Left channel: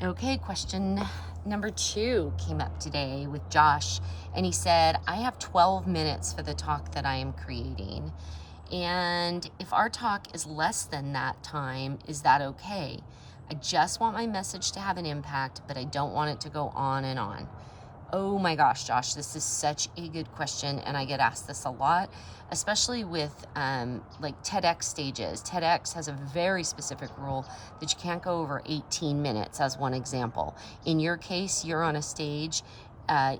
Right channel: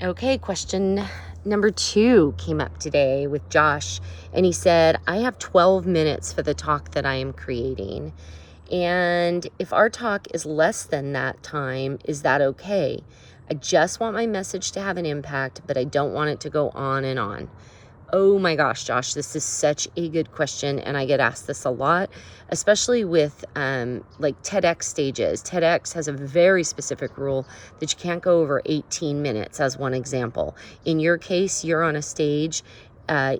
Okay, question number 2 came up today with Josh, and he said, I have 12 minutes for the talk that I am creating. And if our talk is less than that time, is that okay? I just want my message to have an impact, but I don't want it to go on and on. Oh my gosh, Josh, this is such a good question. And I get asked this a lot, especially with like TEDx stages. TEDx has a very specific rule that you can't go over 18 minutes as one example. In your case, you're on a stage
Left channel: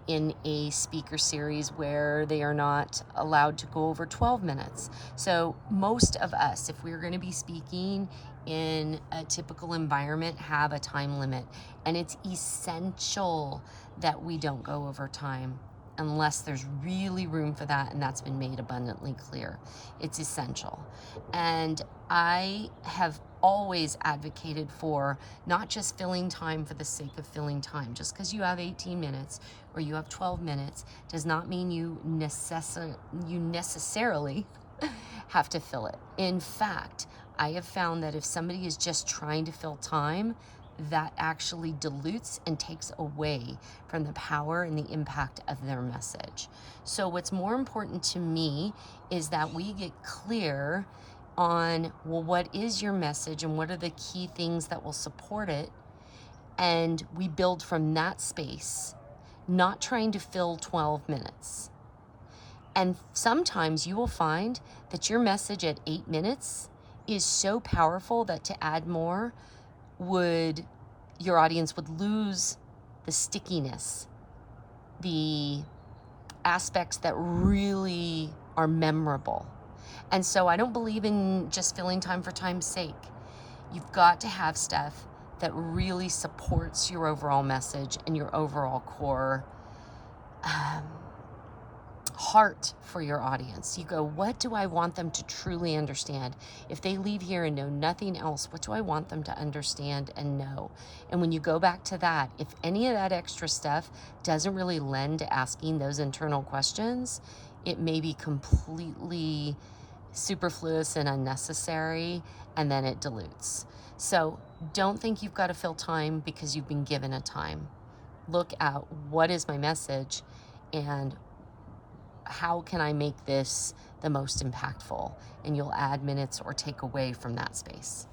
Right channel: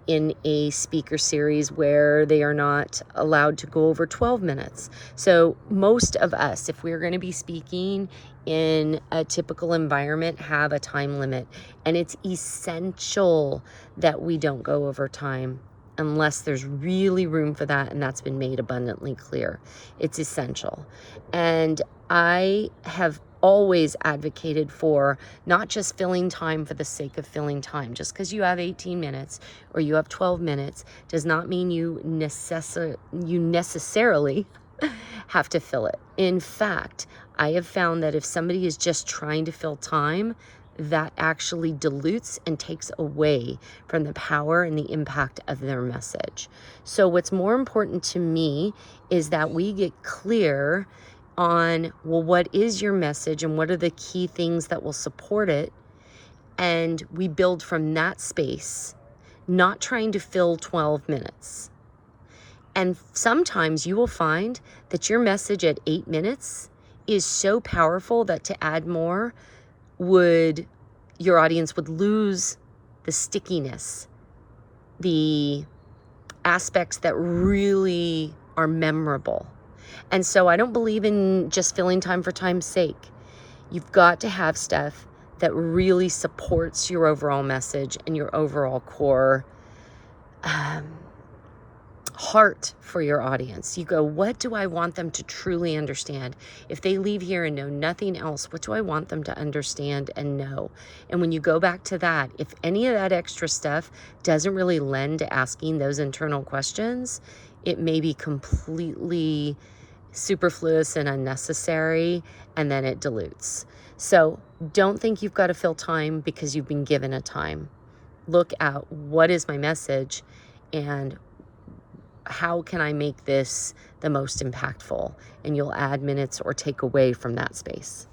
in a speaker series where they are not allowed to go over 12 minutes. So most of us, if we're going to be speaking in a typical environment, have a time limit. And it's essential that we don't go over time unless there's really room for that, and that's been made abundantly clear. It's essential. And I have always advocated for not just filling time for the sake of filling time. Just because you have 18 minutes or you have 12 minutes does not mean you necessarily have to fill it. In fact, I have found that if somebody is just trying to fill time, that actually dilutes and takes away from the power and the impact of their message. So what's more important to me is that we get clear on, well, what is your message and what are the key things that will support it? And we build from that space, not trying to fill 12 minutes. And sometimes you will find that your message at 8 minutes is so powerful that to add more your audience would lose the stickiness, the aspects that really are memorable. And so I don't believe in just filling time for time's sake. You've got to have stuff that really supports your overall message and your overall core heart for your audience. You go, what do I want them to truly understand? If they leave here and know nothing else, what do I want them to understand and know? And when you go back to that, if any of that extra stuff doesn't really lend to asking those internal questions, it may be completely superfluous and unnecessary, and then it dilutes. So don't think you've got to fill time because you've been given a time. Look at what is my message and how can I make this the most impactful? And you'll add minutes or take away from that space.